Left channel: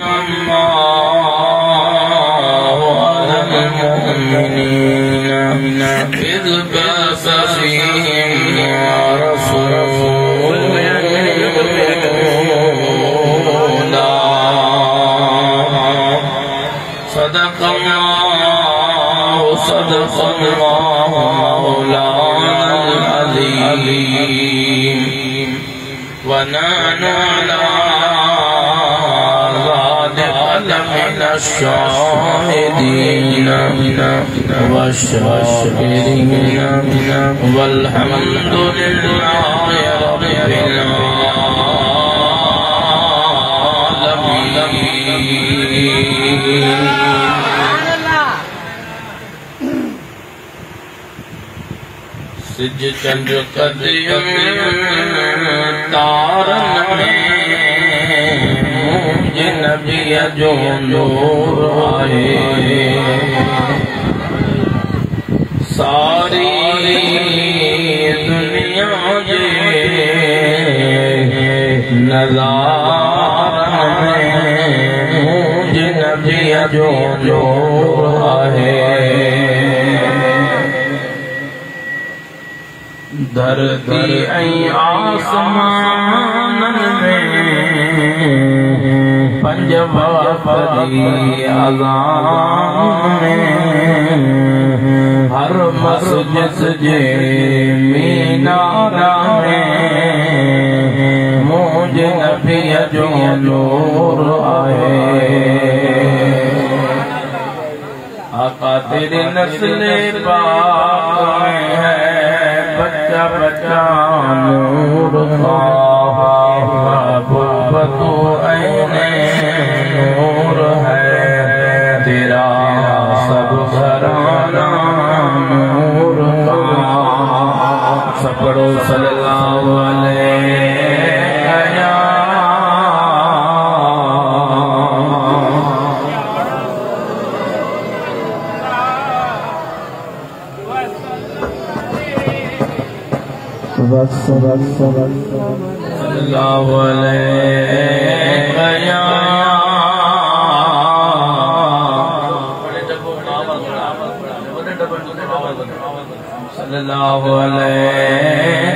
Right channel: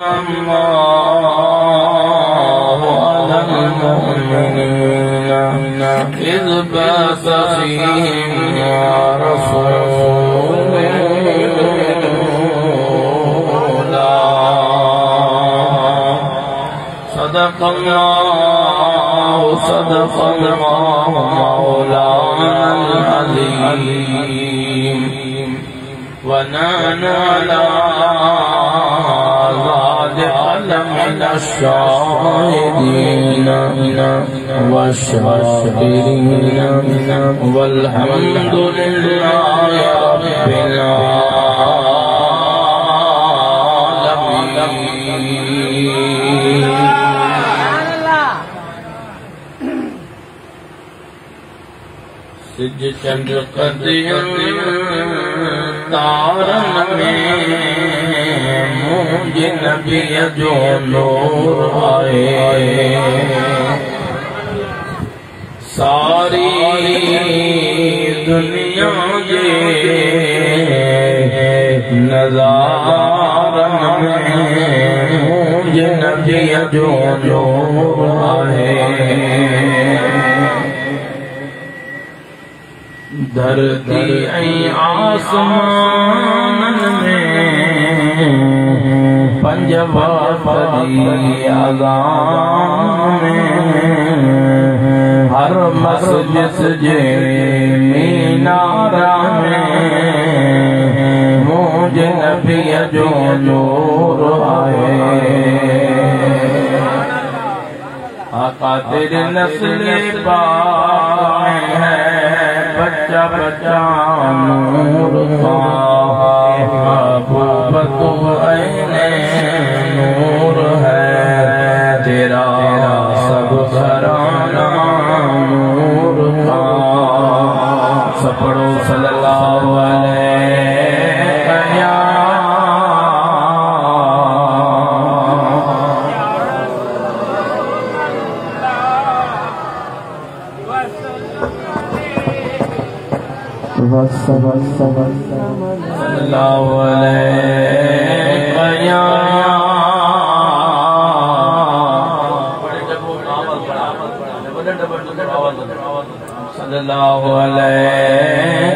الله على المؤمنين إذ بعث فيهم رسولا صدق الله مولانا العظيم ونحن على من الشاهدين والشاكرين والحمد لله رب العالمين. सिजदन कदम तारन में मुझे नबी जो नूर आए सारी दुनिया के नज़ारन में मुझे नबी जो नूर आए धरती आसमान में पंजवा पदी अज़ान में हर मस्जिद जे मीनारा में मुझे नबी जो नूर आए आका तेरे नस्ल पाक है बच्चा बच्चा नूर बतो नूर है तेरा सब घराना नूर सपड़ो सल्लल्लाहु अलैहि सल्लल्लाहु अलैहि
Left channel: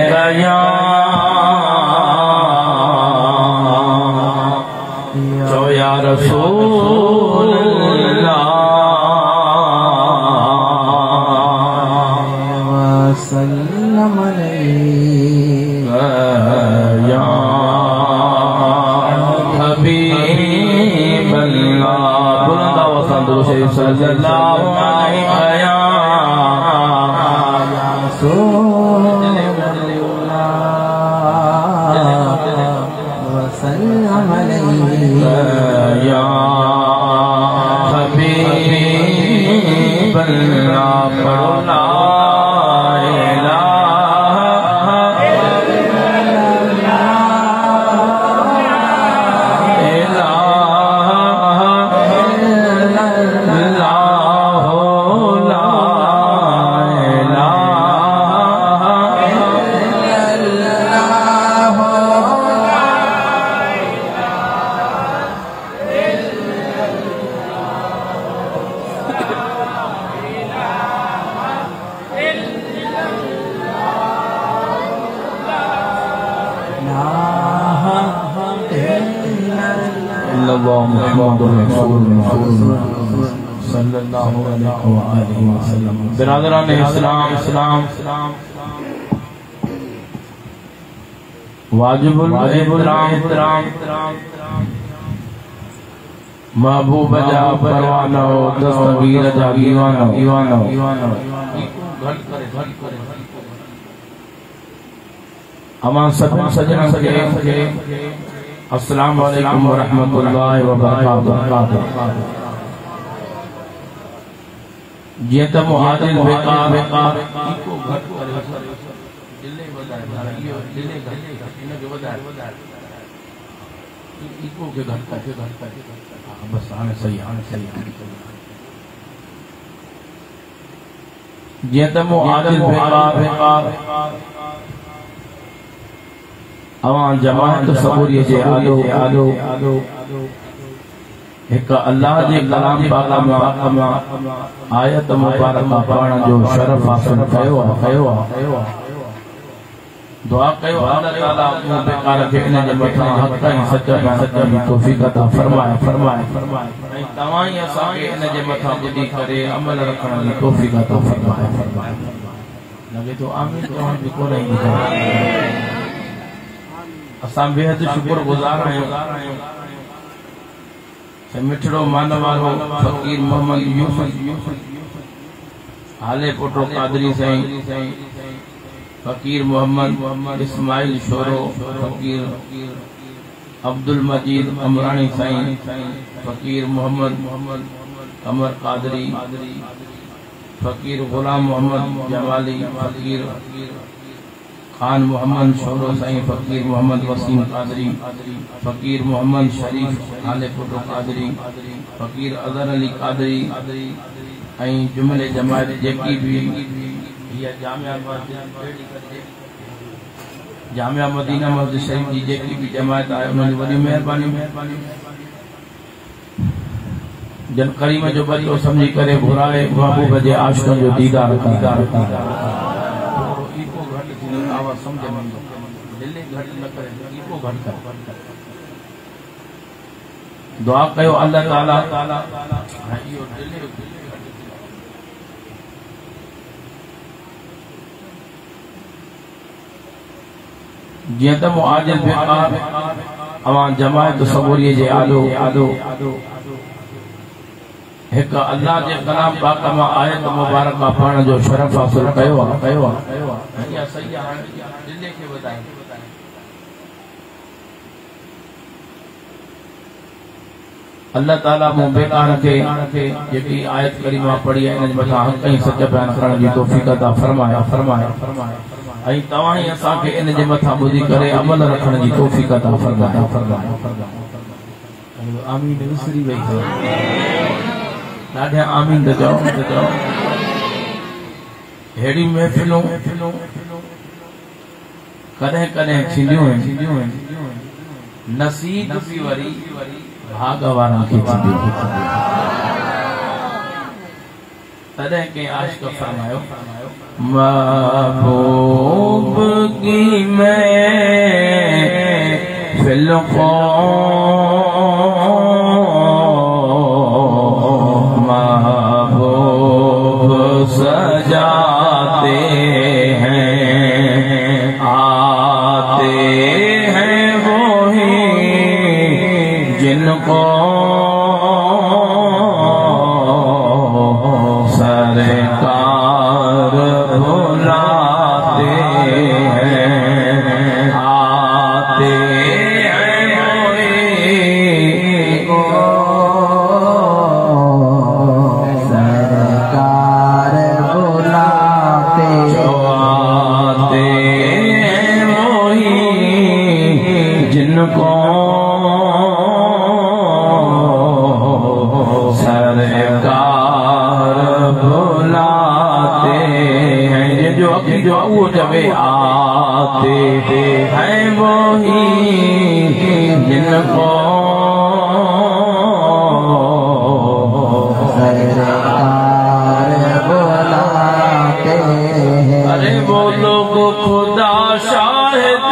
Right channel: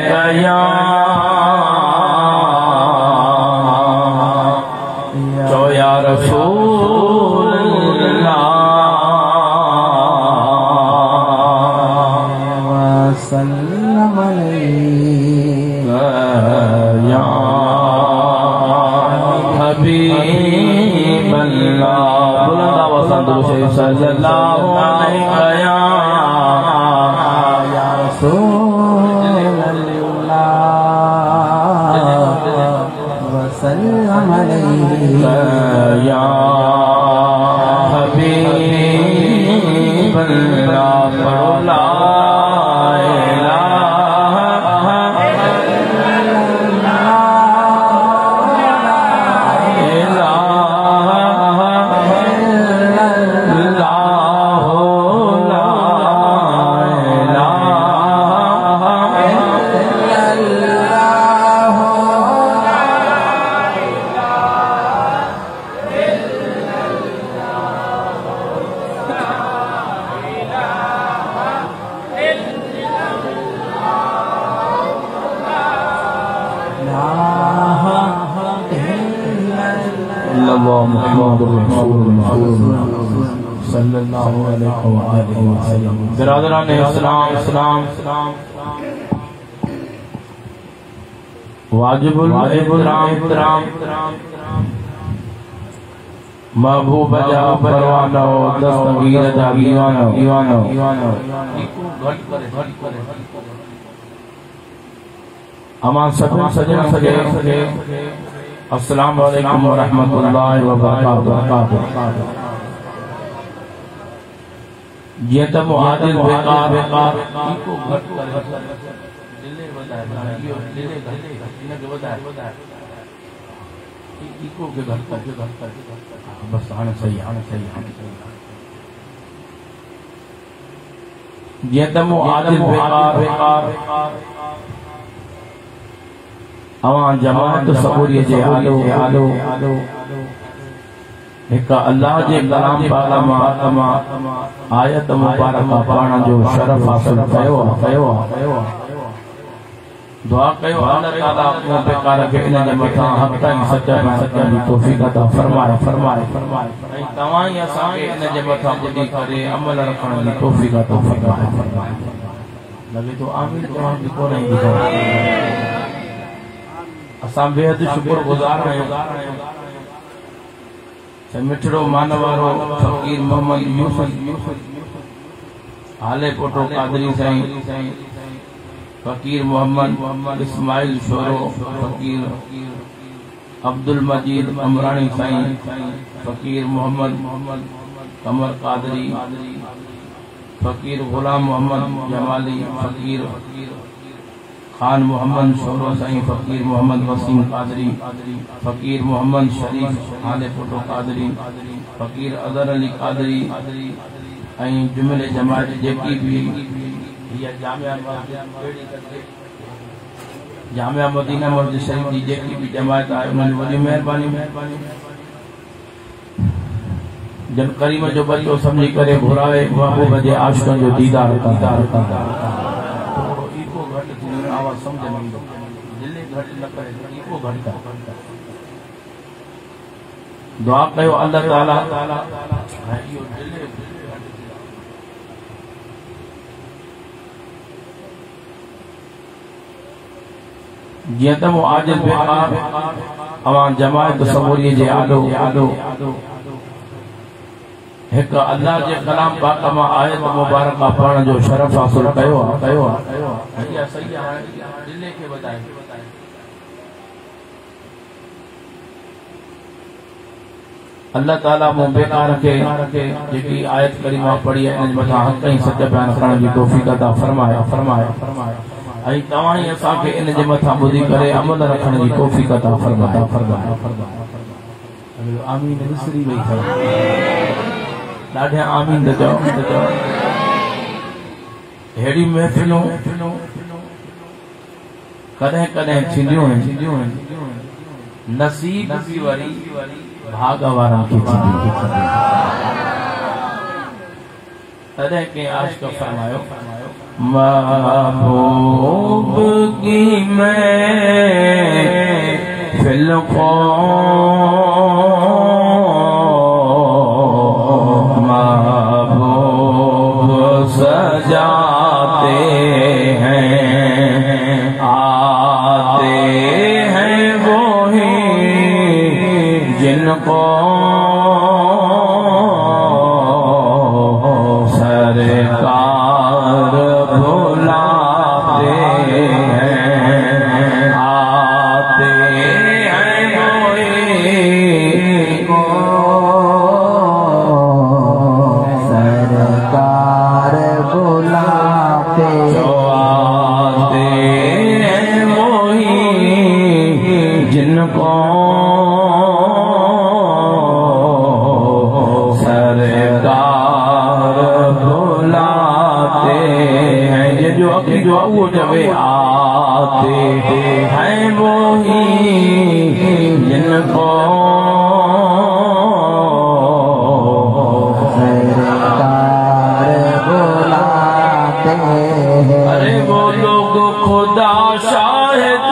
या रसूल अल्लाह सल्लम अलैहि या हबीब अल्लाह सल्लल्लाहु अलैहि या रसूल अल्लाह वसल्लम अलैहि या हबीब अल्लाह बिरादरान इस्लाम वाजिबुल एहतराम महबूब जा परवानो दस्तगीर जा ईवानो अमा सजन सजे अस्सलाम वालेकुम व रहमतुल्लाहि व बरकातुहू। जीअं त मुहाजिर बेकार इको घट दिले वधाए इहो दिले घट इनके वधाए इको के घट बस हाणे सही जीअं त मुहाजिर बेकार अवां जमात सबूरी जे आलो एक अल्लाह जे कलाम पाक मां आयत मुबारक पढ़ण जो शरफ हासिल कयो दुआ कयो अल्लाह ताला अपने बेकार के इन जे मथा हक ऐं सच्चा दी तौफीक अता फरमाए ऐं तव्हां ई असां खे इन जे मथा ॿुधी करे अमल रखण जी तौफीक अता फरमाए लगे तो आमीन तव्हां जी कोन ईंदी असां बेहद शुक्रगुज़ार आहियूं मिठड़ो मानवारो फकीर मोहम्मद यूसुफ हाले पोटो कादरी साईं फकीर मोहम्मद इस्माइल शोरो फकीर अब्दुल मजीद अमरानी साईं फकीर मोहम्मद कमर कादरी फकीर गुलाम मोहम्मद जमाली फकीर खान मोहम्मद शोरो साईं फकीर मोहम्मद वसीम कादरी फकीर मोहम्मद शरीफ हाले पोटो कादरी फकीर अजहर अली कादरी ऐं जुमले जमात जेकी भी जामिया मदीना मस्जिद शरीफ जी जेकी भी जमात आहे उन्हनि वॾी महिरबानी जन करीम जो बदिलो समझी करे घुराए महबूब जे आशिक़नि जो दीदार कंदा आवाज समझ में दिल्ली घट न करे इको घट दुआ कयो अल्लाह ताला जियं त मुआजिल बेकार अवां जमात सबूरी जे आदो एक अल्लाह जे कलाम पाक मां आयत मुबारक पढ़ण जो शरफ हासिल कयो सही आहे दिल्ली खे वधाए अल्लाह ताला मूं बेकार खे जेकी आयत करीमा पढ़ी आहे इन मथां हक़ ऐं सच बयान करण जी तौफ़ीक़ अता फरमाए ऐं तव्हां ई असां खे इन जे मथां ॿुधी करे अमल रखण जी तौफ़ीक़ अता फरमाए आमीन विसरी वई ॾाढे आमीन चओ अहिड़ी महफ़िलूं कॾहिं कॾहिं थींदियूं आहिनि नसीब बि वरी भाग वारा खे तॾहिं कंहिं आशिक़ फरमायो महबूब की महफ़िल को सजाते हैं आते हैं वो ही जिनको सरकार बुलाते हैं आते हैं वो ही को सरकार बुलाते हैं वही जिनको सरकार बुलाते हैं ये जो अभी जो वो जब आते हैं वही जिनको अरे वो लोग खुदा शाहिद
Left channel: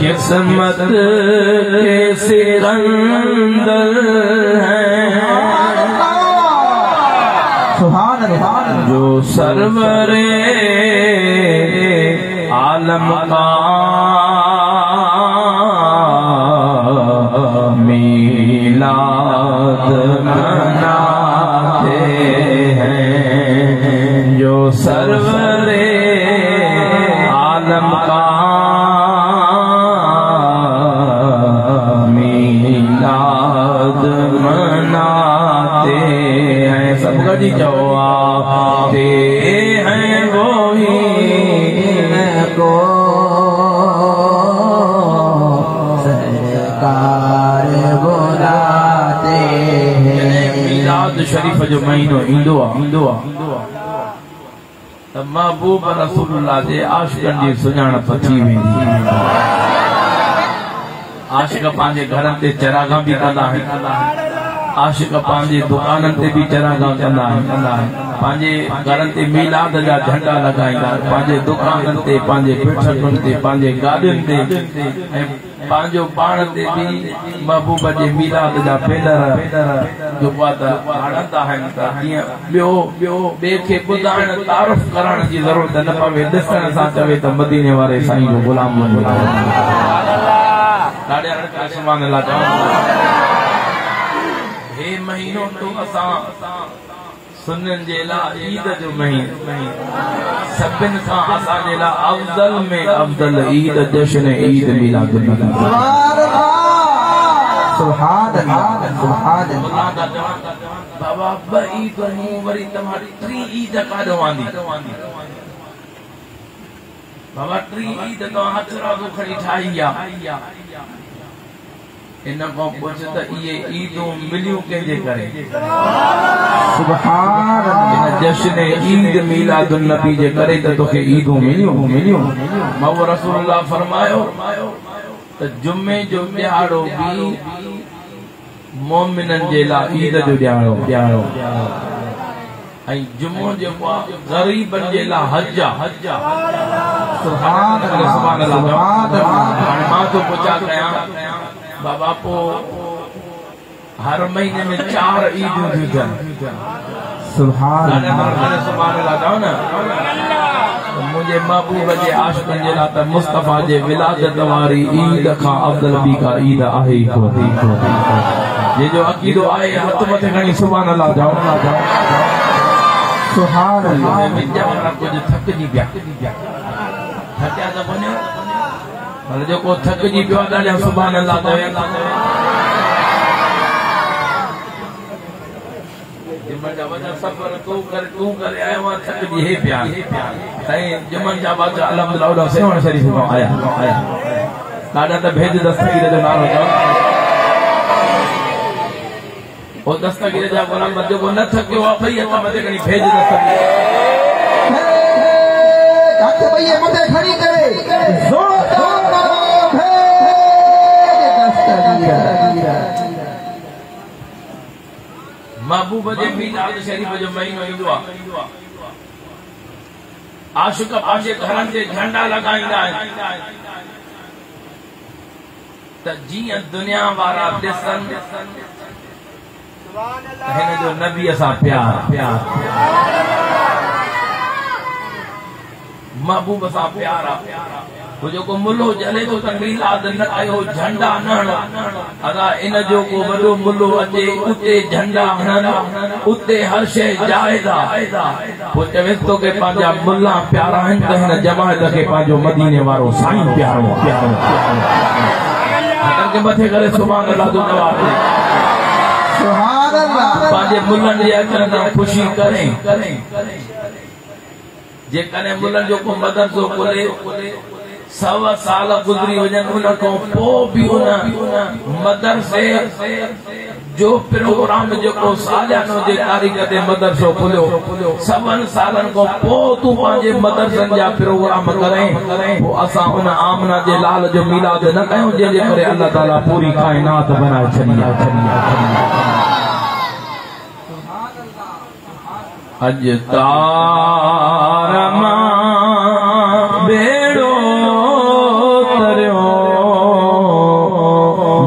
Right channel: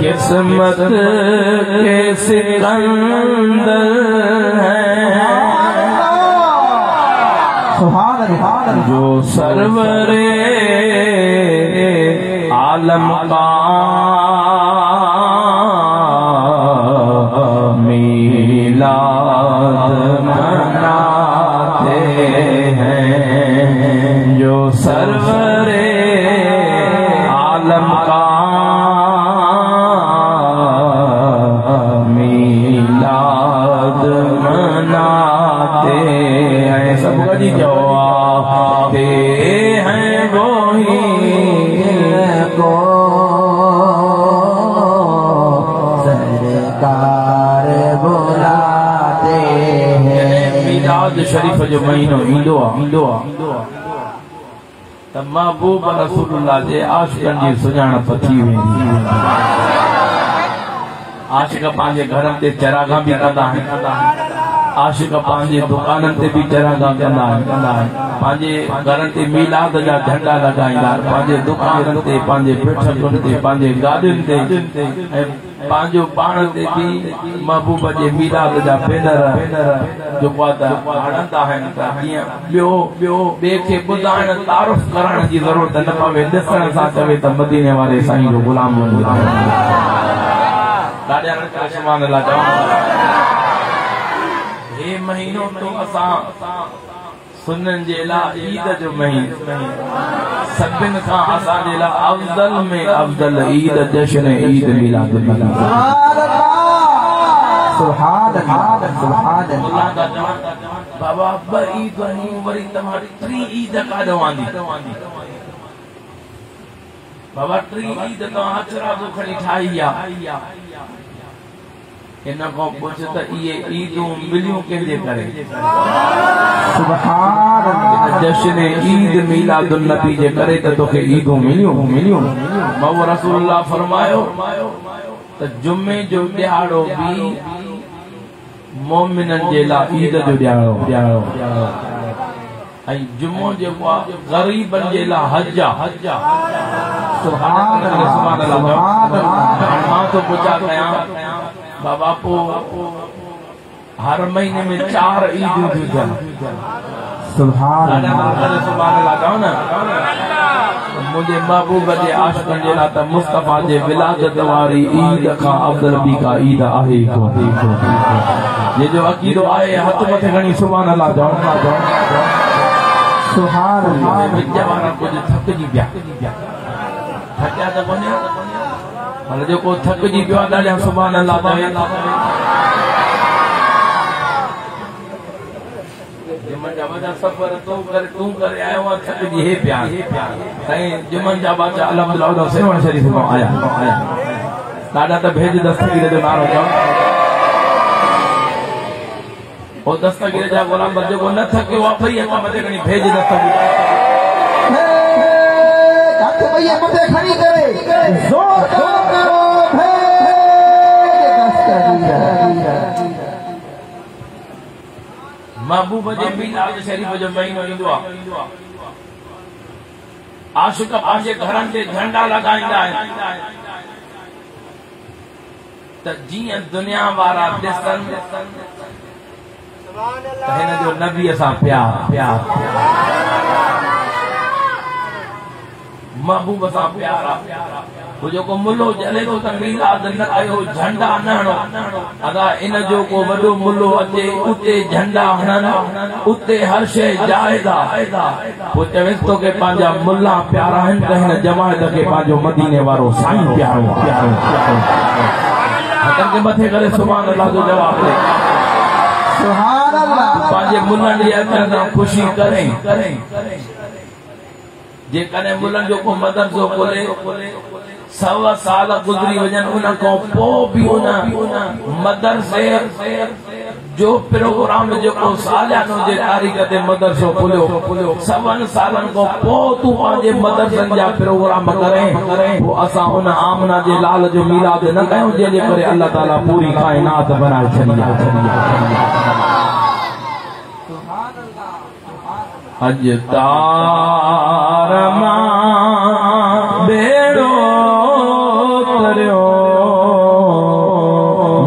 किस्मत के सिकंदर हैं जो सरवरे आलम का मीलाद मनाते हैं जो सरवरे आलम का मीलाद मनाते हैं सब गली जवाते हैं वो ही को सरकार बुलाते हैं मीलाद शरीफ जो महीनो ईंदो आहे त महबूब रसूलुल्लाह जे आशिक़नि जी सुञाणप थी वेंदी आशिक पांजे घरन ते चरागा भी कंदा आहिनि आशिक पांजे दुकानन ते भी चरागा कंदा आहिनि पांजे घरन ते मीलाद जा झंडा लगाईंदा पांजे दुकानन ते पांजे पेठन ते पांजे गाडियुनि ते ऐं पांजो पाण ते भी महबूब जे मीलाद जा बैनर जो हणंदा आहिनि त हीअं ॿियो ॿिए खे ॿुधाइण तारीफ़ करण जी ज़रूरत न पवे ॾिसण सां चवे त मदीने वारे साईं जो गुलाम वञी सुभान अल्लाह चवां हे महीनो तो असां सुनन जे लाइ ईद जो महीनो सभिनि खां असांजे लाइ अफ़ज़ल में अफ़ज़ल ईद जश्न ईद मिलाद सुभान अल्लाह सुभान अल्लाह बाबा ब ईद वरी तव्हां टी ईद काॾो आंदी बाबा टी ईद तव्हां अचरा को खणी ठाही आहे इन को पुछ त ये ईदूं मिलियूं कंहिंजे करे सुभान अल्लाह जश्न ईद मिलादुन नबी जे करे त तोखे ईदूं मिलियूं मौला रसूलुल्लाह फरमायो त जुमे जो ॾियारो भी मोमिनन जे लाइ ईद जो ॾियारो ऐं जुमो जेको आहे ग़रीबन जे लाइ हज सुभान अल्लाह मां तो पुछा कयां बाबा को हर महीने में 4 ईदूं थी सुभान अल्लाह न मुझे महबूब जे आशिक़नि जे लाइ त मुस्तफ़ा जे विलादत वारी ईद खां अफ़ज़ल ॿी का ईद आहे ये जो अक़ीदो आहे हथ मथे खणी सुभान अल्लाह जाओ सुभान अल्लाह जवान कुछ थकजी पिया थकिया त वञो पर जेको थकजी पियो आहे ॾाढा सुभान अल्लाह चवे सफ़र तूं करे आयो आहे थकजी हे पिया साईं जमन जा बादशाह अल्हम्दुलिल्लाह सेवण शरीफ़ मां आया ॾाढा त भेज दस्तगीर जो नालो चओ ओ दस्तगीर जा गुलाम जेको न थकियो आहे भई हथ मथे खणी भेज दस्तगीर हथ भई मथे खणी करे ज़ोरदार महबूब जे मीलाद शरीफ़ जो महीनो ईंदो आहे आशिक़ पंहिंजे घरनि ते झंडा लॻाईंदा आहिनि त जीअं दुनिया वारा ॾिसनि त हिन जो नबीअ सां प्यार महबूब सां प्यार आहे वो जेको मुल्लो जले थो त मीलाद न कयो झंडा न हणो अदा इन जो को वॾो मुल्लो अचे उते झंडा हणनि उते हर शइ जाइज़ आहे पोइ चवेसि थो की पंहिंजा मुल्ला प्यारा आहिनि त हिन जमायत खे पंहिंजो मदीने वारो साईं प्यारो हथनि खे मथे करे सुभान अल्लाह जो जवाब ॾे सुभान अल्लाह पंहिंजे मुल्लनि जे अचण सां ख़ुशी करें जेकॾहिं मुल्लनि जो को मदरसो खोले 100 साल गुज़री वञनि उन खां पोइ बि उन मदरसे जो प्रोग्राम जेको सालियानो जे तारीख़ ते मदरसो खुलियो 100 सालनि खां पोइ तूं पंहिंजे मदरसनि जा प्रोग्राम करें पोइ असां उन आमना जे लाल जो मीलाद न कयूं जंहिंजे करे अल्लाह ताला पूरी काइनात बनाए छॾी अज तारमा बेड़ो तरियो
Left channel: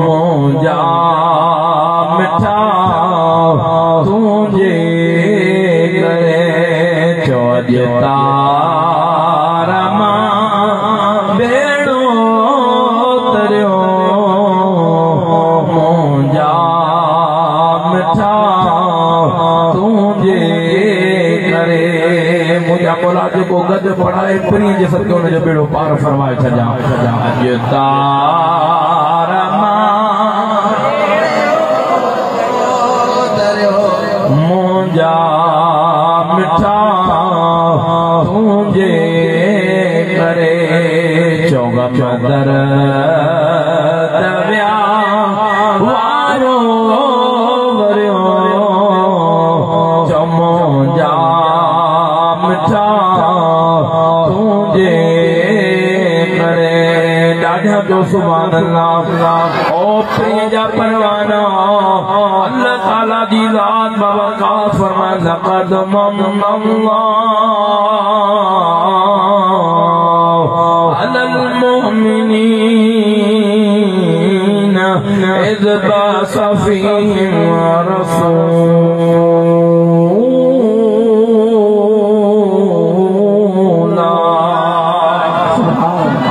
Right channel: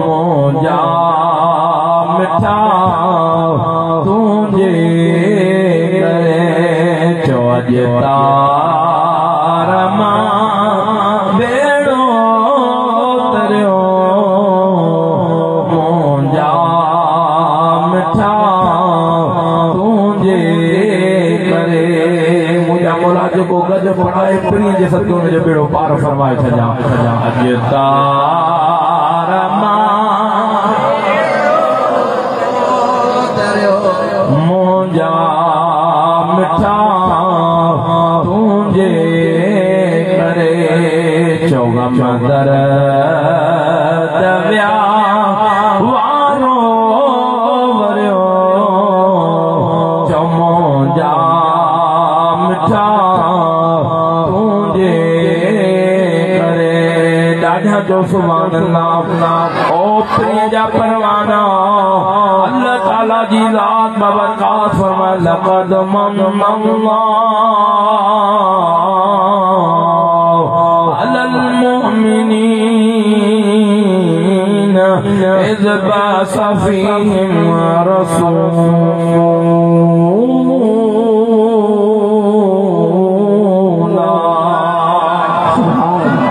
मोजा मिठा तुझे चो अज तारमा बेड़ो तरियो मोजा मिठा तुझे मोला जेको गद पढ़ाए पिणी जे सदके हुन जो बेड़ो पार फरमाए छॾियां अज तारमा मुंहिंजा मिठा तुंहिंजे करे चौगम दर दविया वारो वरियो चौमुंहिंजा तुझे करे ॾाढा तो सुभान अल्लाह। ओ प्रिय जा परवाना अल्लाह ताला दी जात बबरकात फरमा लक़द मन्नल्लाहु अलल मुमिनीन इज़ बअस फ़ीहिम रसूला।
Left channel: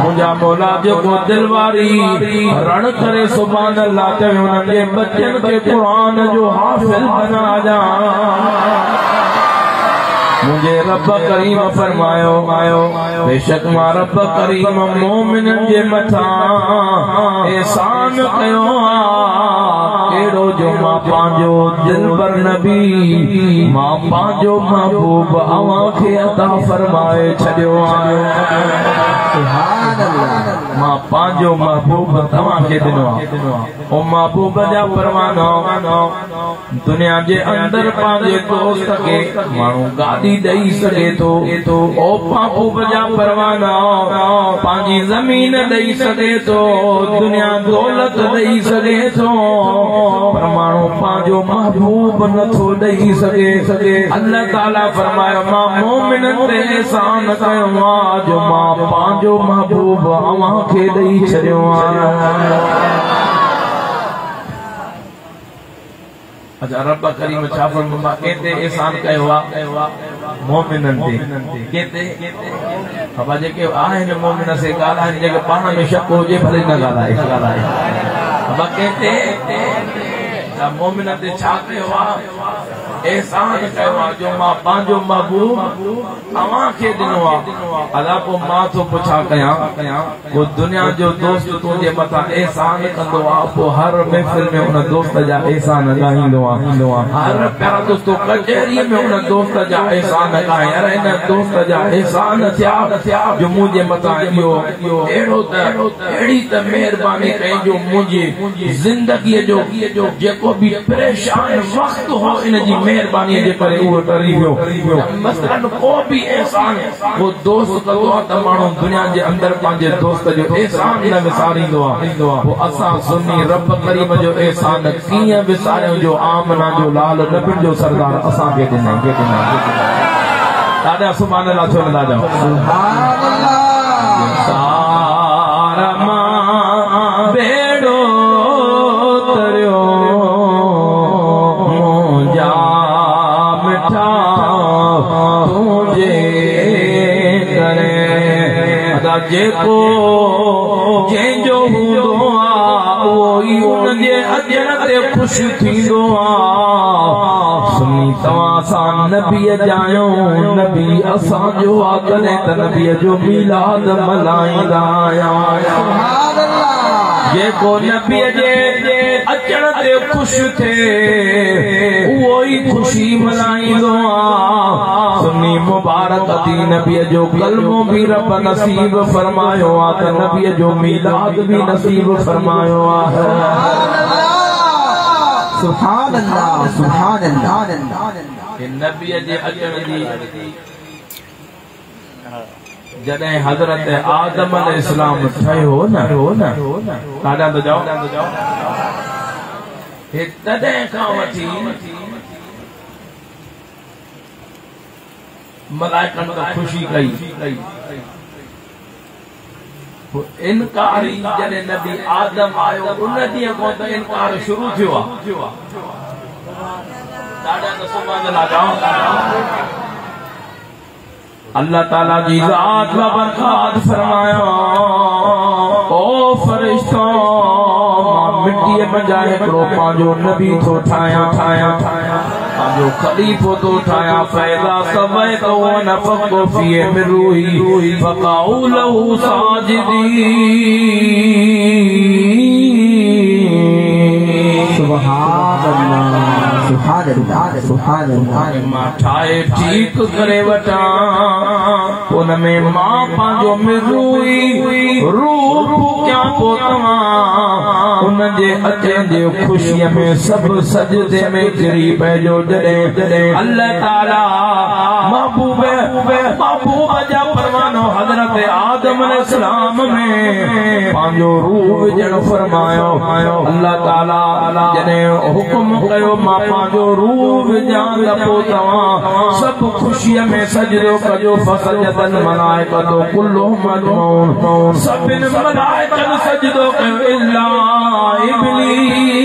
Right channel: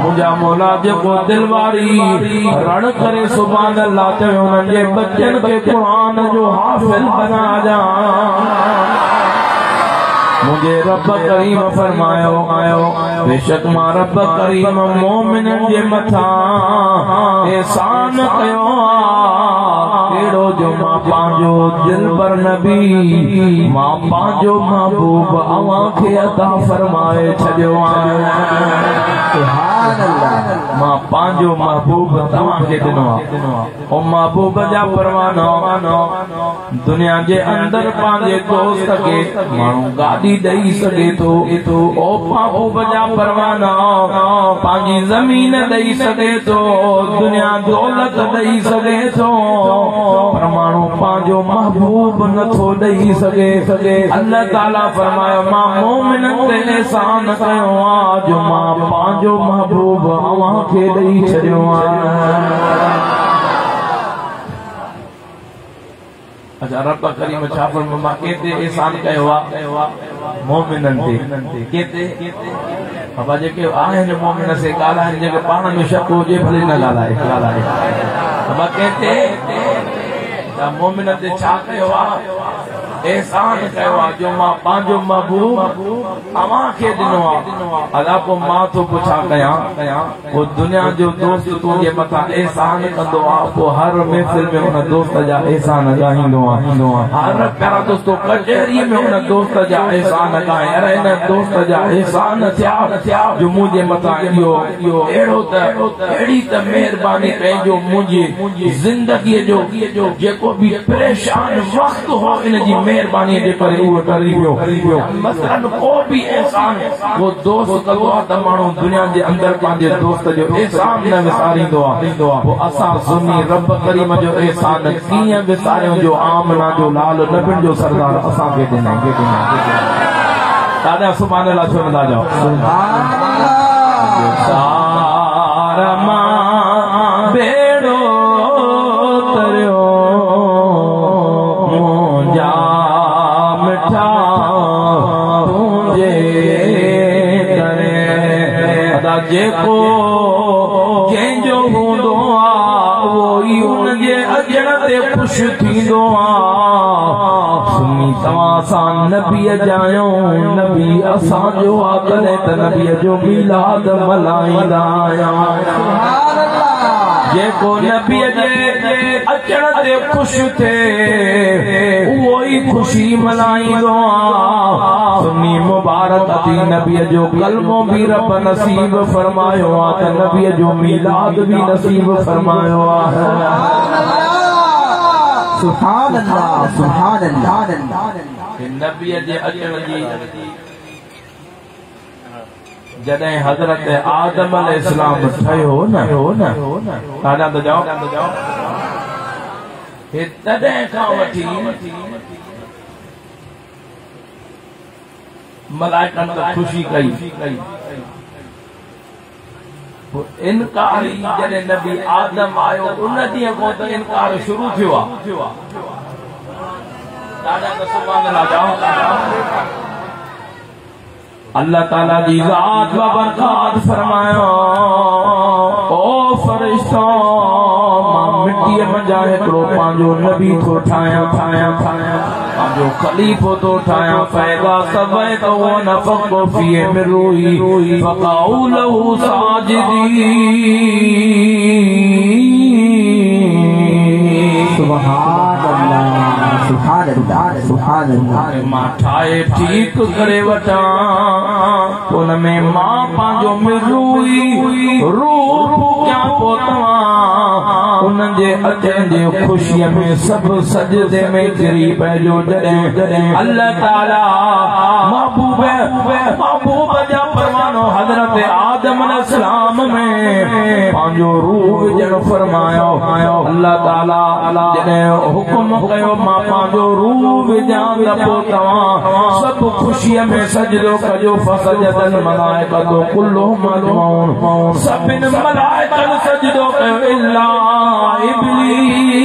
मुंहिंजा मौला जेको दिलवारी रण करे सुभान अल्लाह चवे उन्हनि जे बचनि खे क़ुरान जो हाफ़िज़ बणाजा। मुझे रब करीम फरमायो आयो बेशक मां रब करीम मोमिनन जे मथा एहसान कयो केड़ो जो मां पांजो दिलबर नबी मां पांजो महबूब अवां खे अता फरमाए छडियो आहे। सुभान अल्लाह। मां पांजो महबूब तवां खे ॾिनो आहे। ओ महबूब जा परवानो दुनिया जे अंदर पांजे दोस्त खे माण्हू गाॾी ॾेई सघे थो। ओ महबूब जा परवाना पंहिंजी ज़मीन ॾेई सघे थो, दुनिया दौलत ॾेई सघे थो, पर माण्हू पंहिंजो महबूब नथो ॾेई सघे। अल्लाह ताला फरमायो मां मोमिननि ते एहसान कयो आहे जो मां पंहिंजो महबूब अव्हां खे ॾेई छॾियो आहे। अच्छा रब करीम छा फरमायो मां केते एहसान कयो आहे मोमिननि ते केते बाबा जेके आहिनि मोमिन से ॻाल्हाइनि जेके पाण में शक हुजे भले न ॻाल्हाए बाबा केते मोमिन ते छा कयो आहे एहसान कयो आहे जो मां पंहिंजो महबूब अव्हां खे ॾिनो आहे। अदा पोइ मां थो पुछा कयां पोइ दुनिया जो दोस्त तुंहिंजे मथां एहसान कंदो आहे पोइ हर महफ़िल में हुन दोस्त जा एहसान ॻाईंदो आहे। हर प्यारो दोस्तो कचहरीअ में हुन दोस्त जा एहसान ॻाए अरे हिन दोस्त जा एहसान थिया जो मुंहिंजे मथां इहो अहिड़ो त अहिड़ी त महिरबानी कई जो मुंहिंजी ज़िंदगीअ जो जेको बि परेशान वक़्तु हो इन जी मेहरबानी जे करे उहो डरी वियो। मसलन को बि एहसान वो दोस्त कंदो आहे त माण्हू दुनिया जे अंदर पंहिंजे दोस्त जो एहसान न विसारींदो आहे। पोइ असां सुन्नी रब करीम जो एहसान कीअं विसारियूं जो आमना जो लाल नबियुनि जो सरदार असांखे ॾिनई। ॾाढा सुभान अल्लाह छो न ॾाढा बेड़ो तरियो जेको जंहिंजो हूंदो आहे उहो ई उनजे अजण ते ख़ुशि थींदो आहे। सुनी तव्हां सां नबीअ जायो नबी असांजो आहे तॾहिं त नबीअ जो मीलाद मल्हाईंदा आहियूं। जेको नबीअ जे अचण ते ख़ुशि थिए उहो ई ख़ुशी मल्हाईंदो आहे। सुन्नी मुबारक अती नबीअ जो कलमो बि रब नसीब फरमायो आहे त नबीअ जो मीलाद बि नसीब फरमायो आहे। सुभान अल्लाह सुभान अल्लाह। नबीअ जे अचण जी जॾहिं हज़रत आदम अलैहिस्सलाम ठहियो न ॾाढा त जाओ तॾहिं खां वठी मलाइकनि त ख़ुशी कई इनकार जॾहिं नबी आदम आयो उन ॾींहं खां त इनकार शुरू थियो आहे। ॾाढा त सुभान अल्लाह जाओ। अल्लाह ताला जी ज़ात व बरकात फरमायो ओ फरिश्तो मां मिट्टीअ मंझां हिकिड़ो पंहिंजो नबी थो ठाहियां पंहिंजो खलीफ़ो थो ठाहियां फ़ैज़ा समय त उहो नफ़क़ो फ़ीह में रूही फ़क़अू लहू साजिदीन। सुभान अल्लाह सुभान अल्लाह सुभान अल्लाह। मां ठाहे ठीक करे वठां उन में मां पंहिंजो मिरूई रूप क्या पोइ तव्हां उन जे अचण जे ख़ुशीअ में सभु सजदे में किरी पइजो। जॾहिं अल्लाह ताला महबूब जा परवानो हज़रत आदम अलैहिस्सलाम में पांजो रूह जन फरमायो अल्लाह ताला जने हुक्म कयो मां पांजो रूह जान पो तवा सब खुशी में सजदो कजो फसजदन मलाइकतो कुल्लुहुम अजमऊन सबिन मलाइकन सजदो कयो इल्ला इब्लीस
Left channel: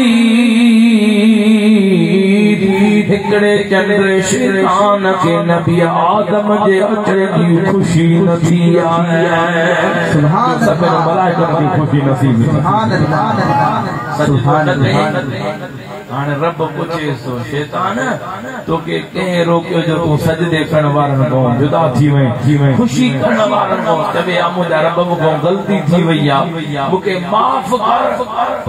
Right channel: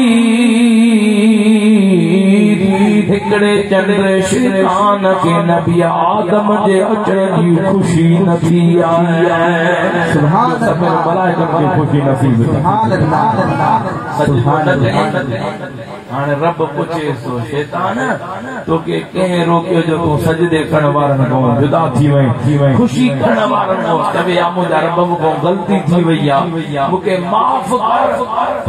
हिकड़े चंद्र शैतान के नबी आदम जे अचण जी खुशी नथी आहे सुभान अल्लाह मलाइकन की खुशी नसीब सुभान अल्लाह सुभान अल्लाह हाणे रब पुछे सो शैतान तो के कंहिं रोकियो जो तूं सजदे करण वारनि खां जुदा थी वई खुशी करण वारनि खां कॾहिं मुंहिंजा रब मूंखां ग़लती थी वई आहे मूंखे माफ़ कर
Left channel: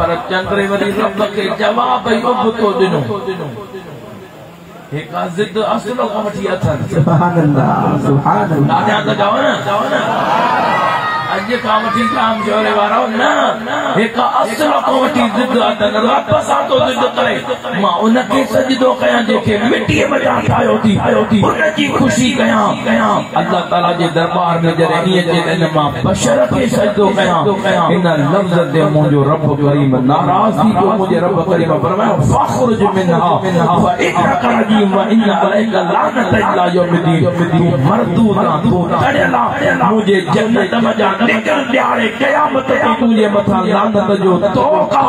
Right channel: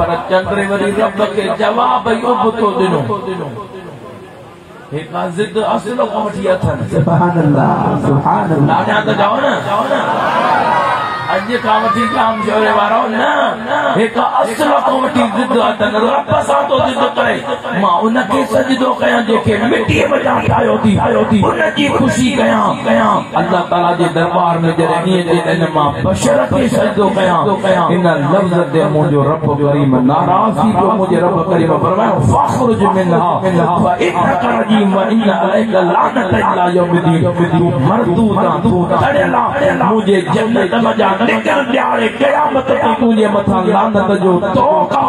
पर चंद्र वरी रब खे जवाब उबतो ॾिनो हिकु ज़िद असलो खां वठी अथनि सुभान अल्लाह सुभान अल्लाह त चओ न अॼु खां वठी काम जोड़े वारो न हिकु असलो खां वठी ज़िद अथनि रब सां थो ज़िद करे मां उनखे सजदो कयां जेके मिटीअ वटां ठाहियो थी उनजी खुशी कयां अल्लाह ताला जे दरबार में जॾहिं ईअं चए त मां बशर खे सजदो कयां इन लफ़्ज़ ते मुंहिंजो रब करीम नाराज़ थी पियो मुंहिंजे रब करीम फरमायो फ़ख़्रुज मिन्हा फइन्नक रजीम व इन अलैका लानत इला यौमिद्दीन मरदूदा तू तड़ियला मुझे जन्नत में जा निकल ॾियारे क़यामत ते तुंहिंजे मथां लानत जो तोका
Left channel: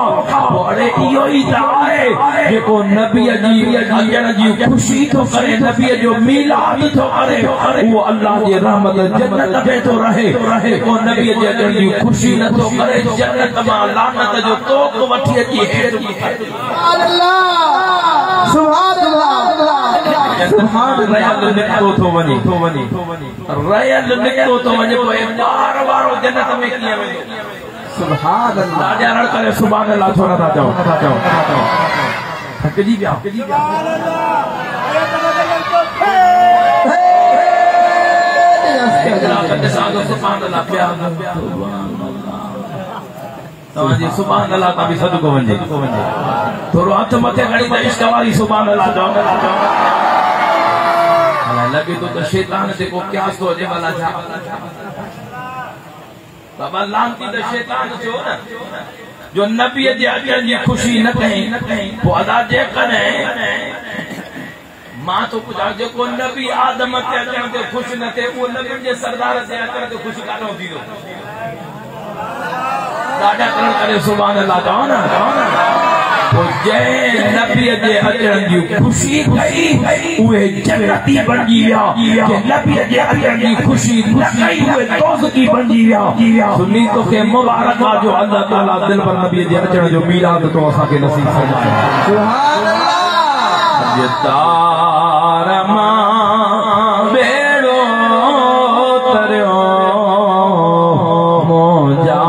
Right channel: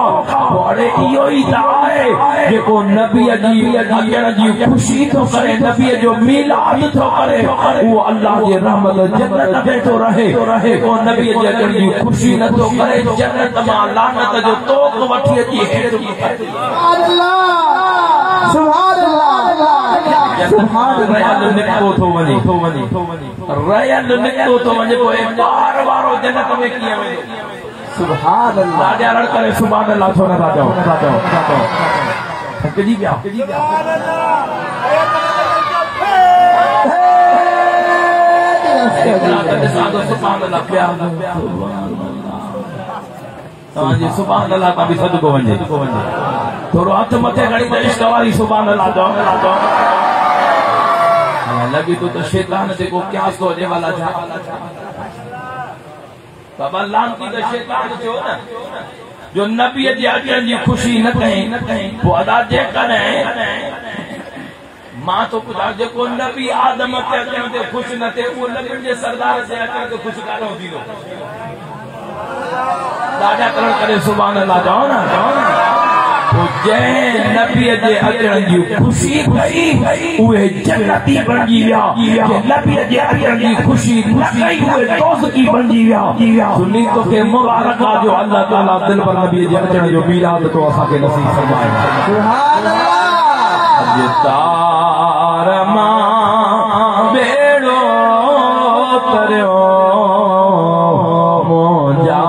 अड़े इहो ई त आहे जेको नबीअ जी अचण जी खुशी थो करे नबीअ जो मीलाद थो करे उहो अल्लाह जे रहमत जन्नत में थो रहे जेको नबीअ जे अचण जी खुशी नथो करे जन्नत मां लानत जो तोक वठी अची हेठि सुभान अल्लाह सुभान अल्लाह सुभान रयल निकितो थो वञे रयल निकितो थो वञे पोइ ॿार वारो जन्नत में कीअं वेंदो सुभान अल्लाह राजा लड़ करे सुभान अल्लाह थो नथा चओ थकिजी पिया सुभान अल्लाह पिया तव्हांजी सुभान अल्लाह तां बि सदको वञे थोरो हथ मथे खणी त इश्क वारी सुभान अल्लाह चओ लॻे थो त शैतान ते को क्यास थो अचे वाला छा बाबा लानती त शैतान थियो न जो नबीअ जे अचण जी खुशी न कई पोइ अदा जे कॾहिं मां तो पुछां जेको नबी आदम ते अचण ते ख़ुशि न थिए उहो नबियुनि जे सरदार ते अचण ते ख़ुशि कान थींदो ॾाढा करण करे सुभान अल्लाह चओ न जंहिं नबीअ जे अचण जी खुशी कई उहे जन्नती बणिजी विया जंहिं नबीअ जे अचण जी खुशी न कई उहे दोज़खी बणिजी विया सुन्नी तोखे मुबारक आहे जो अल्लाह ताला दिल पर नबीअ जे अचण जो मीलाद तो असांखे नसीब फरमाए सुभान अल्लाह अॼु तार मां बेड़ो तरियो मुंहिंजा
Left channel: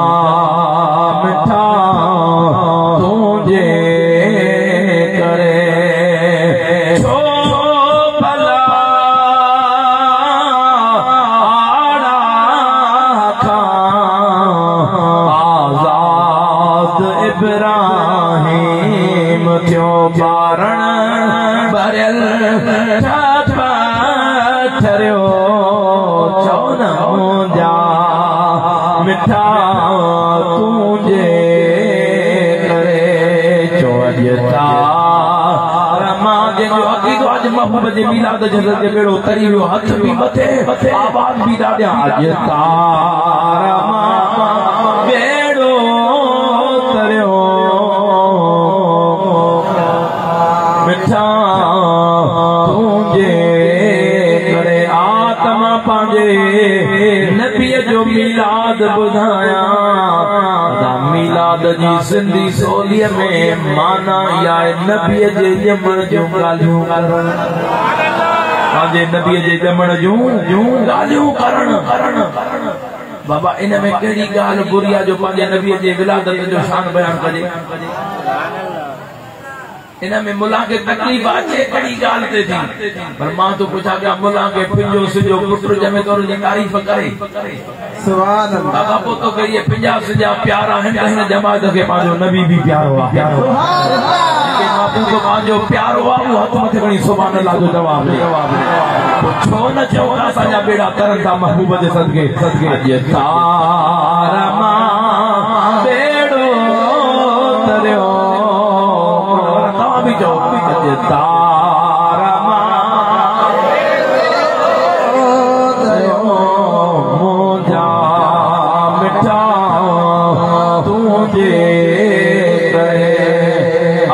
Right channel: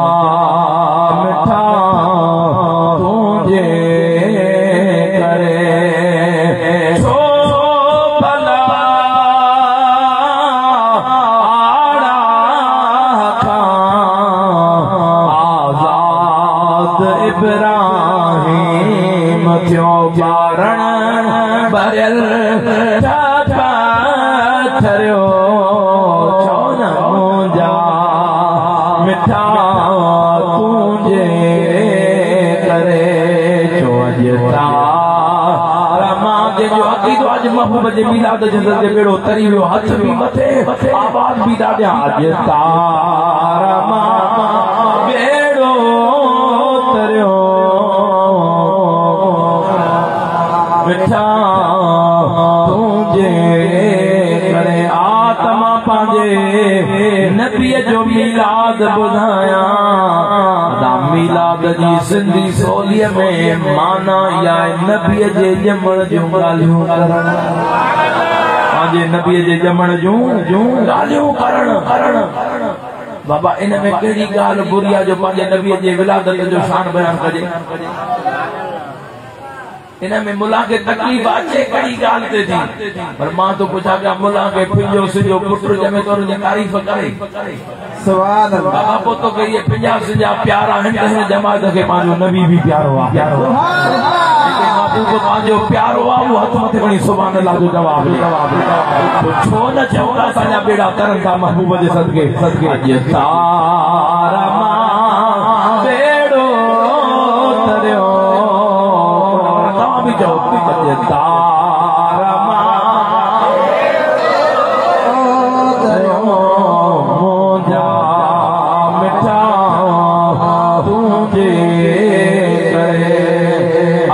मिठा तुंहिंजे महबूब जे मीलाद जंगल जे बेड़ो तरी वियो हथ बि मथे आवाज बि ॾाढा अॼु तारा मां बेड़ो तरियो मिठा तुंहिंजे करे आत्मा पंहिंजे नबीअ जो मीलाद ॿुधायां मीलाद जी सिंधी सोलीअ में माना या नबीअ जे ॼमण जूं ॻाल्हियूं करण पंहिंजे नबीअ जे ॼमण जूं ॻाल्हियूं करण बाबा इन में कहिड़ी ॻाल्हि बुरी आहे जो पंहिंजे नबीअ जे विलादत जो शान बयान कजे इन में मुला के तकलीफ़ अचे कड़ी ॻाल्हि ते थी पर मां तो पुछां पिया मुला के पिंजो सिजो पुत्र ॼमे तो उनजी तारीफ़ करे सुभान अल्लाह बाबा पोइ तो कहिए पिंजा सिजा प्यारा आहिनि त हिन जमात खे पंहिंजो नबी बि प्यारो आहे सुभान अल्लाह महबूब पंहिंजो प्यारो आहे उहो हथ मथे खणी सुभान अल्लाह जो जवाब छो न चओ असांजा बेड़ा तरनि था महबूब जे सदके अॼु तारा मां जे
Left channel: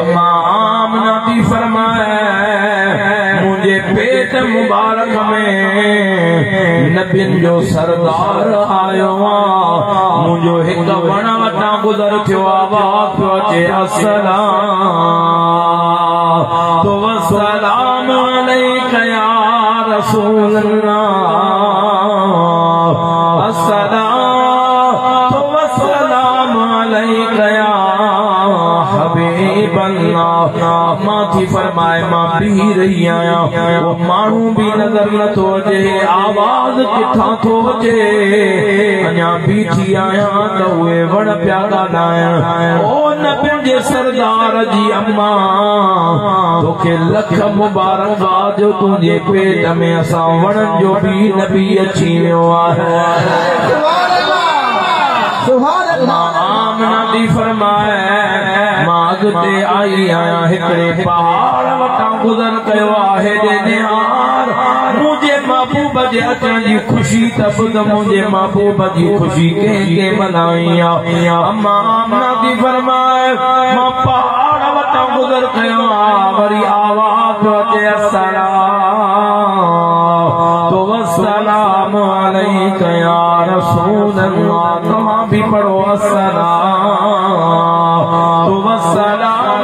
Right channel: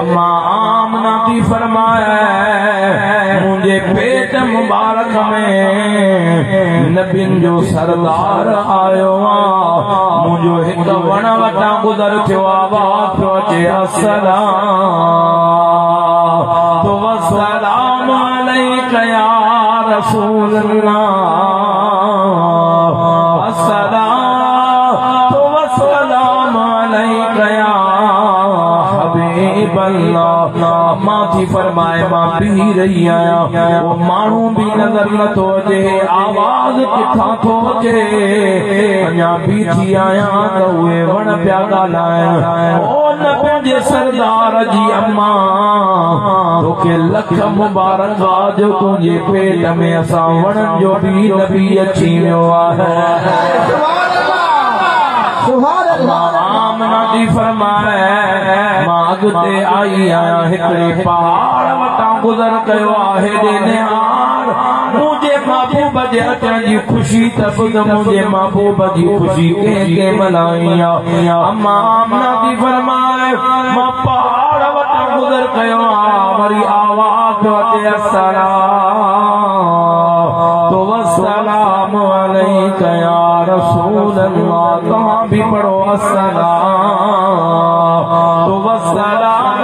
अम्मा आमना थी फरमाए मुझे पेट मुबारक में नबियुनि जो सरदार आयो मुझो एक वण वटां गुज़र थियो आवाज़ पियो अचे अस्सलाम अलैका या रसूल अल्लाह अस्सलाम अलैका या हबीब अल्लाह मां थी फरमाए मां पी रही आहियां वो माण्हू भी नज़र नथो अचे आवाज़ किथां थो अचे अञा बीठी आहियां त उहे वण पिया ॻाल्हाइनि ओ नबियुनि जे सरदार जी अम्मा तोखे लख मुबारक जो तुंहिंजे पेट में असां वणनि जो बि नबी अची वियो आहे आमना थी फरमाए मां अॻिते आई आहियां हिकिड़े पहाड़ वटां गुज़र कयो आहे मुंहिंजे महबूब जे अचण जी ख़ुशी त ॿुध मुंहिंजे महबूब जी ख़ुशी कंहिं मल्हाई आहे अम्मा आमना थी फरमाए मां पहाड़ वटां गुज़र कयो आहे वरी आवाज़ अचे अस्सलाम अलैका या रसूल अल्लाह तव्हां भी पढ़ो अस्सलाम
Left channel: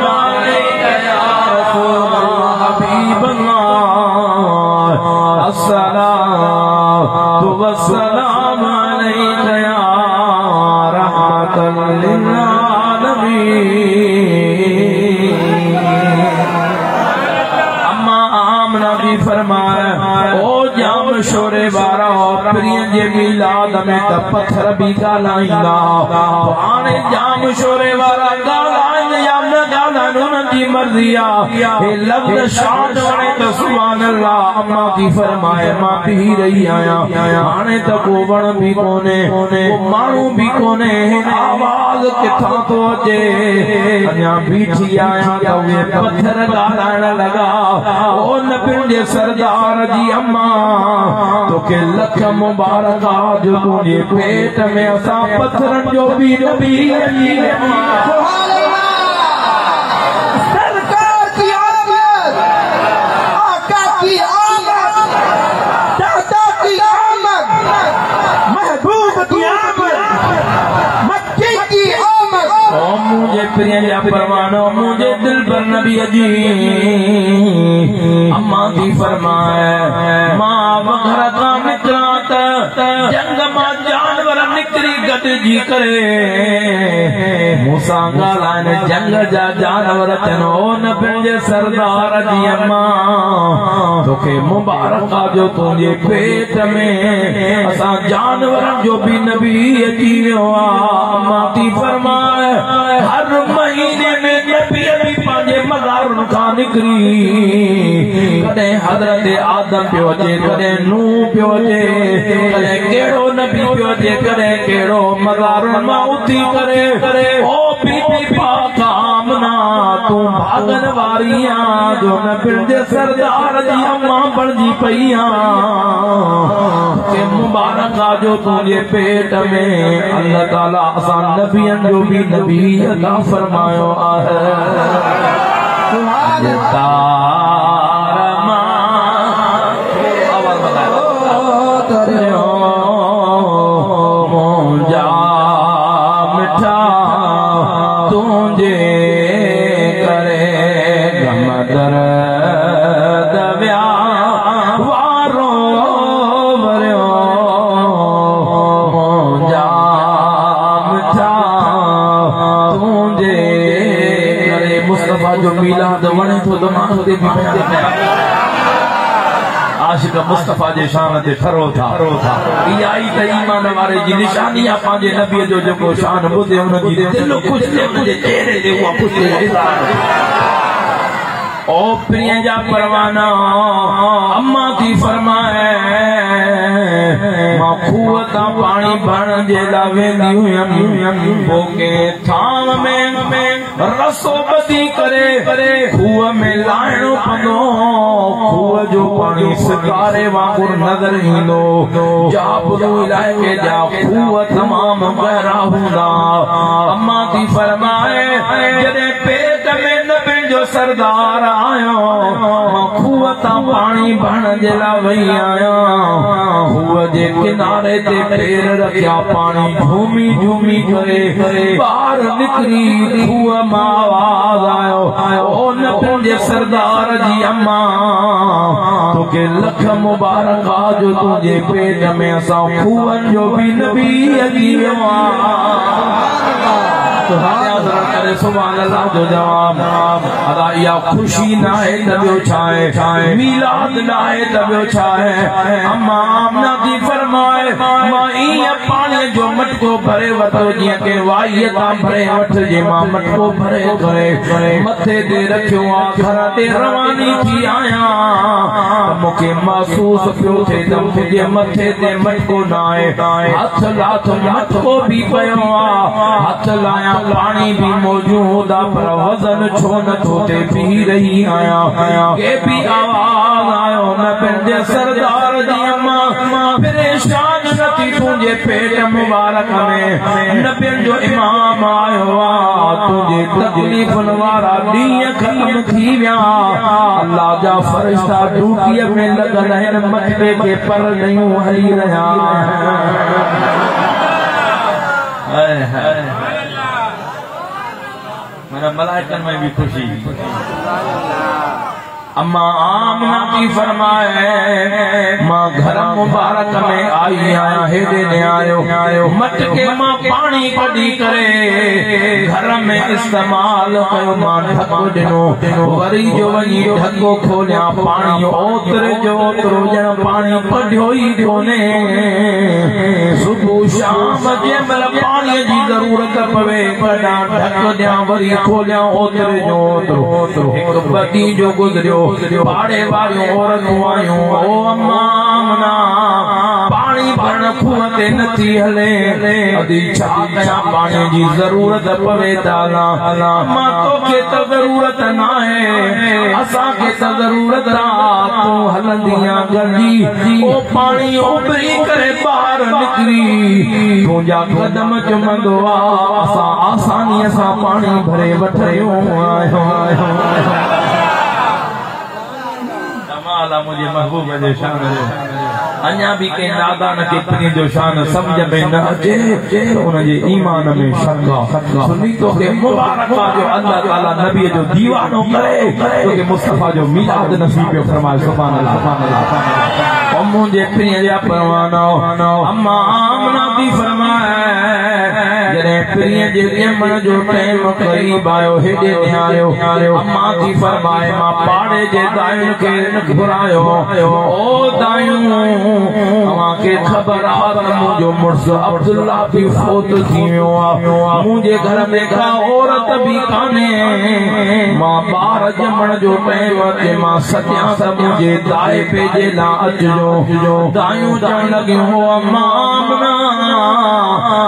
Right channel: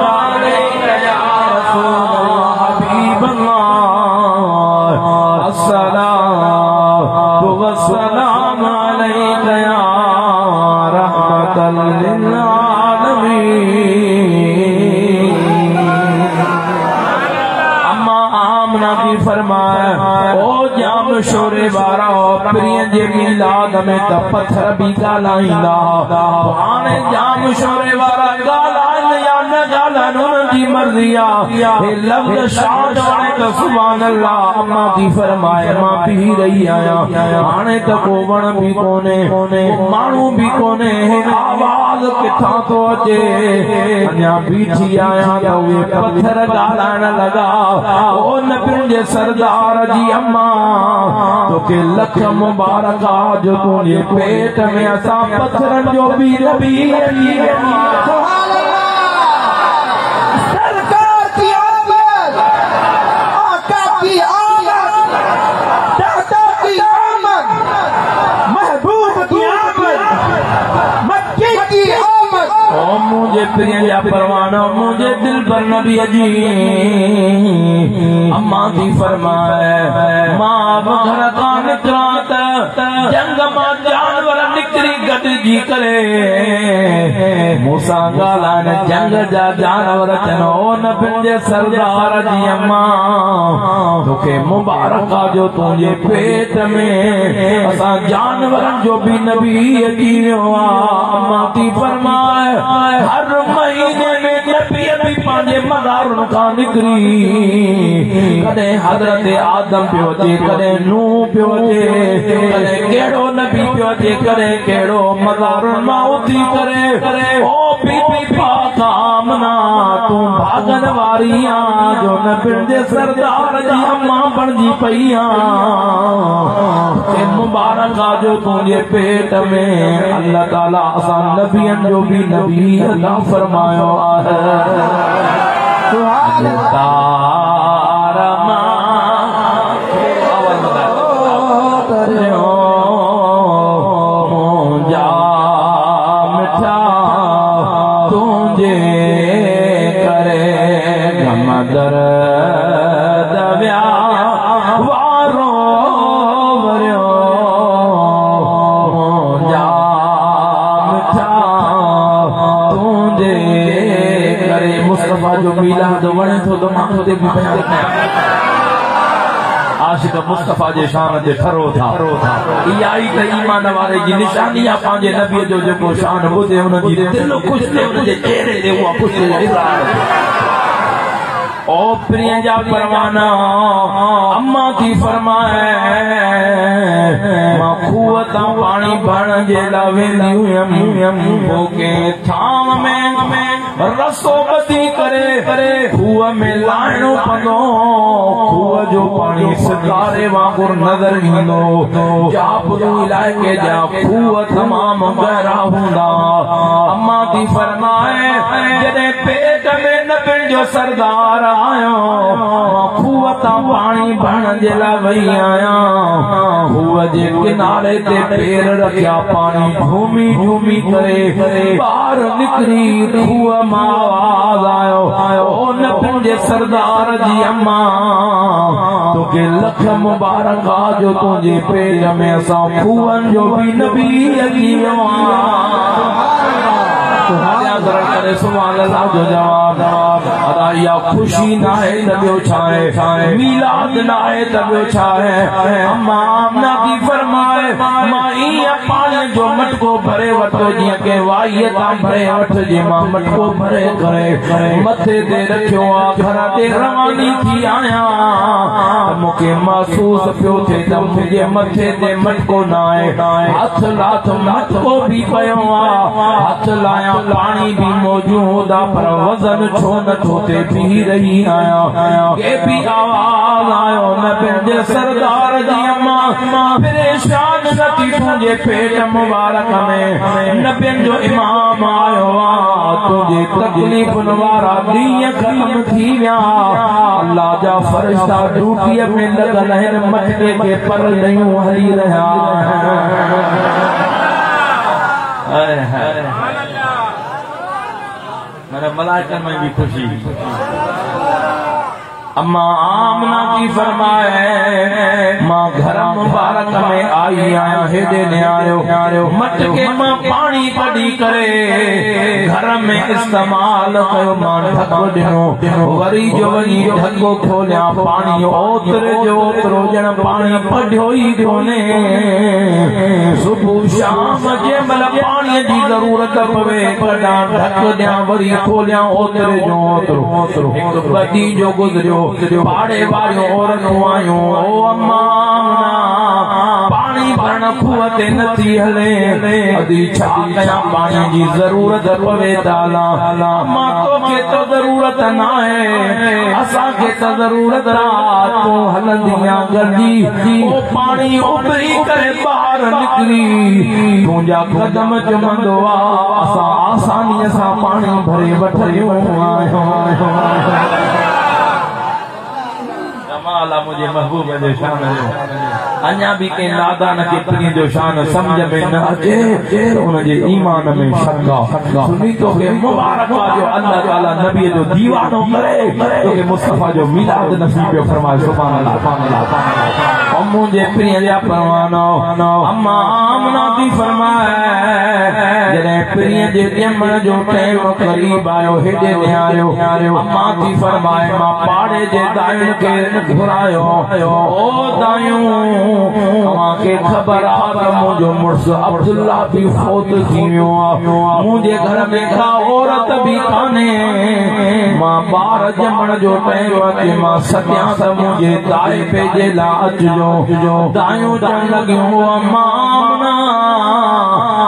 अलैका या रसूल अल्लाह हबीब अल्लाह अस्सलाम अलैका या रहमतल लिल आलमीन अम्मा आमना की फरमाए ओ जाम शोरे वारा प्रिय जे मिलाद में त पत्थर भी ॻाल्हाईंदा हाणे जाम शोरे वारा ॻाल्हाइनि या न ॻाल्हाइनि उन्हनि जी मर्ज़ी आहे हे लफ़्ज़ शाद वणे त सुभान अल्लाह अम्मा थी फरमाए मां पी रही आहियां हाणे त को वण भी कोन्हे माण्हू भी कोन्हे आवाज़ किथां थो अचे अञा बीठी आहियां त उहे पत्थर ॻाल्हाइण लॻा ओ नबियुनि जे सरदार जी अम्मा तोखे लख मुबारक जो तुंहिंजे पेट में असां पत्थरनि जो बि नबी सरकार की आमद आका की आमद दादा की आमद महबूब की आमद मक्के की आमद ओ मुझे प्रिय या परवाना मुझे दिल पर नबी अजी अम्मा थी फरमाए मां घर का निकला जंग मां जानवर निकरी गॾिजी करे मूंसां ॻाल्हाइनि जंग जा जानवर चनो न पंहिंजे सरदार जी अम्मा तोखे मुबारक जो तुंहिंजे पेट में असां जानवरनि जो बि नबी अची वियो आहे अम्मा थी फरमाए हर महीने में नबी बि पंहिंजे मज़ारुनि खां निकिरी कॾहिं हज़रत आदम पियो अचे कॾहिं नूह पियो अचे कॾहिं कहिड़ो नबी पियो अचे कॾहिं कहिड़ो मज़ारुनि मां उथी करे ओ बीबी पाक आमना तूं भागन वारी आं जो नबियुनि जे सरदार जी अम्मा बणिजी पई आं मुबारक जो तुंहिंजे पेट में अल्लाह ताला असां नबियनि जो बि नबी अता फरमायो आहे मिठा तुंहिंजे करे घमदर दविया वारो वरियो जा मिठा तुंहिंजे करे मुस्तफा जो मिलाद वणे थो त माण्हू ते बि आशिक मुस्तफा जे शान ते खरो था इहा ई त ईमान वारे जी निशानी आहे पंहिंजे नबीअ जो जेको शान ॿुधे हुन जी दिल ख़ुशि थिए हुनजे चेहरे ते उहा ख़ुशी ओ प्रिय जा परवाना अम्मा थी फरमाए मां खूह तां पाणी भरण जे लाइ वेंदी हुयमि पोइ कंहिं थाम में रसो ॿधी करे खूह खूह में लाइणो पवंदो खूह जो पानी सितारे वांगुर नज़र ईंदो जाबरू इलाइक़े जा खूह तमाम गहरा हूंदा अम्मा थी फरमाए जॾहिं पेट में नबियुनि जो सरदार आयो खूह तां पानी भरण जे लाइ वही आहियां खूह जे किनारे ते पैर रखिया पानी झूमी झूमी करे ॿार निकिरी खूह मां आवाज़ आयो ओ नबियुनि जे सरदार जी अम्मा तोखे लख मुबारक आ जो तुंहिंजे पेट में असां खूहनि जो बि नबी अची वियो सुभान अल्लाह जो जवाब अदा इहा खुशी न आहे त ॿियो छा आहे मीलाद न आहे त ॿियो छा आहे अम्मा आमना थी फरमाए मां ईअं पाणीअ जो मटको भरे वठो जीअं के वाईअ तां भरे वठिजे मां मटको भरे करे मथे ते रखियो आहे घर ते रवानी थी आहियां त मूंखे महसूस पियो थिए त मुंहिंजे मथे ते मटको न आहे हथ लाथ मटको बि पियो आहे हथ लाया पानी भी मौजूद आ पर वजन छो नथो थे पी रही आया के भी आवाज आयो नबियुनि जे सरदार जी अम्मा परेशान नथी तुंहिंजे पेट मुबारक में नबियुनि जो इमाम आयो आ तुंहिंजे तकलीफ़ुनि वारा ॾींहं ख़त्म थी विया अल्लाह जा फ़रिश्ता ड्यूटीअ में लॻल आहिनि मटके खे पर नयूं हली रहिया मेरा मलाइकन में भी खुशी अम्मा आमना की फरमाए मां घर मुबारक में आई आहियां हेॾे ने आयो मटके मां पानी कढी करे घर में इस्तेमाल कयो मां ढको ॾिनो वरी जो वरी ढको खोलिया पाणी ओतिरे जो ओतिरो ॼण पाणी कढियो ई कोन्हे सुबुह शाम जंहिंमहिल पाणीअ जी ज़रूरत पवे कढां ढक ॾियां वरी खोलियां ओतिरे जो ओतिरो हिकु बदी जो गुज़रियो पाड़े वारियूं औरतूं आयूं ओ अम्मा पानी भरण खूह ते नथी हले अदी छा कयां पाणी जी ज़रूरत पवे ताला मां तोखे त ज़रूरत न आहे असांखे त ज़रूरत आहे तूं हलंदी गली ओ पाणी उभरी करे ॿाहिरि निकिरी तुंहिंजा कदम चुमंदो आहे असां आसानीअ सां पाणी भरे वठूं मुझे महबूब जो शान अञा भी के नादान के पीर जो शान समझ में न अचे उनजे ईमान में शक सुनी तो के मुबारक जो अल्लाह ताला नबी जो दीवानो करे तो के मुस्तफा जो मिलाद नसीब फरमाए सुभान अल्लाह सुभान अल्लाह और मुझे प्रिय जा परवाना अम्मा आमना भी फरमाए जरे प्रिय जे जमण जो टाइम करीब आयो हेडे आयो अम्मा थी फरमाए मां पाड़े जे दायन के घुरायो ओ दायूं अवांखे ख़बर आहे त मुंहिंजो मुड़ुस अब्दुल्ला बि फोत थी वियो आहे मुंहिंजे घर में का औरत बि कान्हे मां ॿार ॼमण जो टाइम अचे मां सॾियां त मुंहिंजे ताए पेजे लाइ अचिजो दायूं चवण लॻियूं अम्मा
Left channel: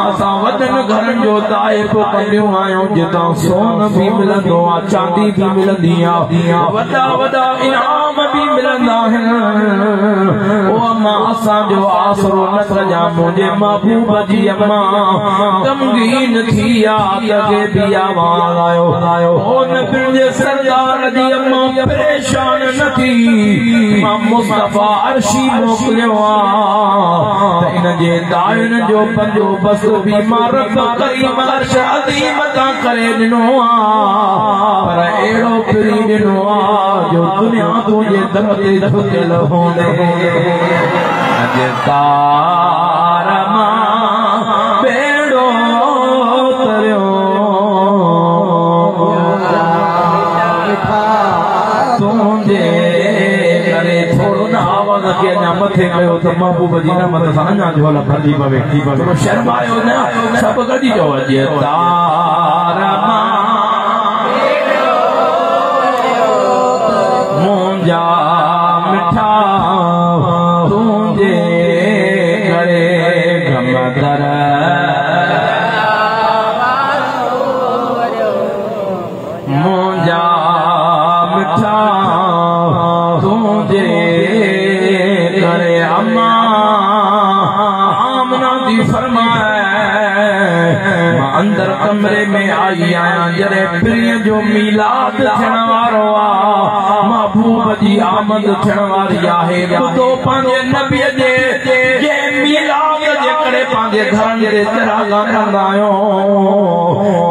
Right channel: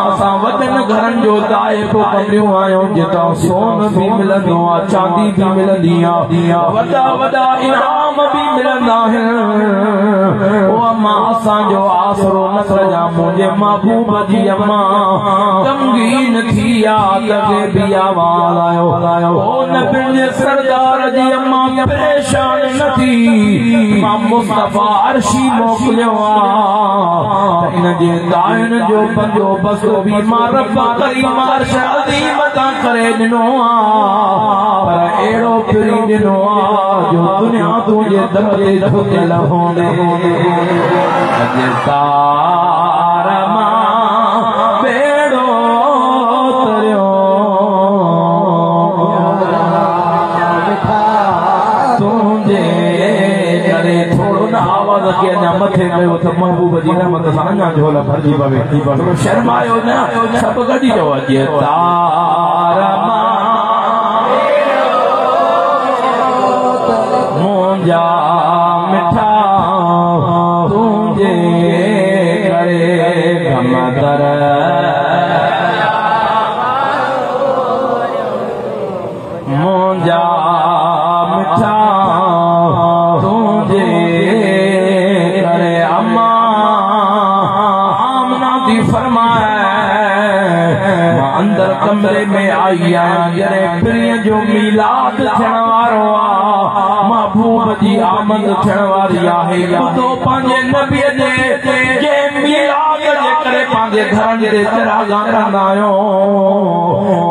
असां वॾनि घरनि जो दाए पोइ कंदियूं आहियूं जितां सोन बि मिलंदो आहे चांदी बि मिलंदी आहे वॾा वॾा इनाम बि मिलंदा आहिनि ओ अम्मा असांजो आसरो न कजां मुंहिंजे महबूब जी अम्मा गमगीन थी आहे बि आवाज़ आयो ओ नबियुनि जे सरदार जी अम्मा परेशान न थी मां मुस्तफा अर्शी मोकिलियो आहे इन जे दायन जो पंजो बस बि मां रब करीम अर्श अज़ीम तां करे ॾिनो आहे पर अहिड़ो फिरी ॾिनो आहे जो दुनिया तुंहिंजे दर ते झुकियल होंदे अॼु तार मां बेड़ो तरियो तुंहिंजे करे थोरो न आवाज़ खे अञा मथे कयो त महबूब जी न मत सां अञा झोला भरिजी पवे थोरो शर्मायो न सभु गॾी चओ अॼु तार मां मुंहिंजा मिठा तुंहिंजे करे गमदर मुंहिंजा अंदर कमरे में आई जरे प्रिय जो मीलाद थियण वारो आ महबूब जी आमद थियण वारी आहे ॿुधो पंहिंजे नबीअ जे मीलाद जे करे पंहिंजे घरनि ते चरागा कंदा आहियो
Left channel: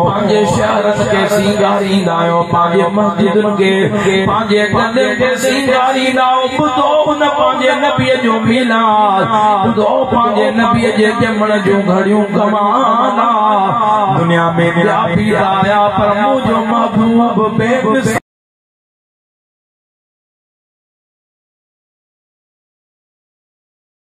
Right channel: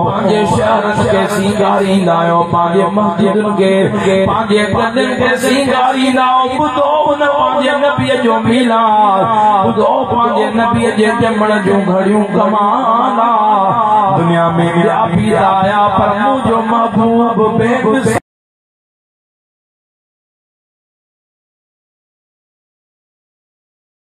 पंहिंजे शहरनि खे सींगारींदा आहियो पंहिंजे मस्जिदुनि खे पंहिंजे गदनि खे सींगारींदा आहियो ॿुधो उन पंहिंजे नबीअ जो मीलाद ॿुधो पंहिंजे नबीअ जे ॼमण जूं घड़ियूं कमाल दुनिया में ॿिया बि आया पर मुंहिंजो महबूब बेमिसाल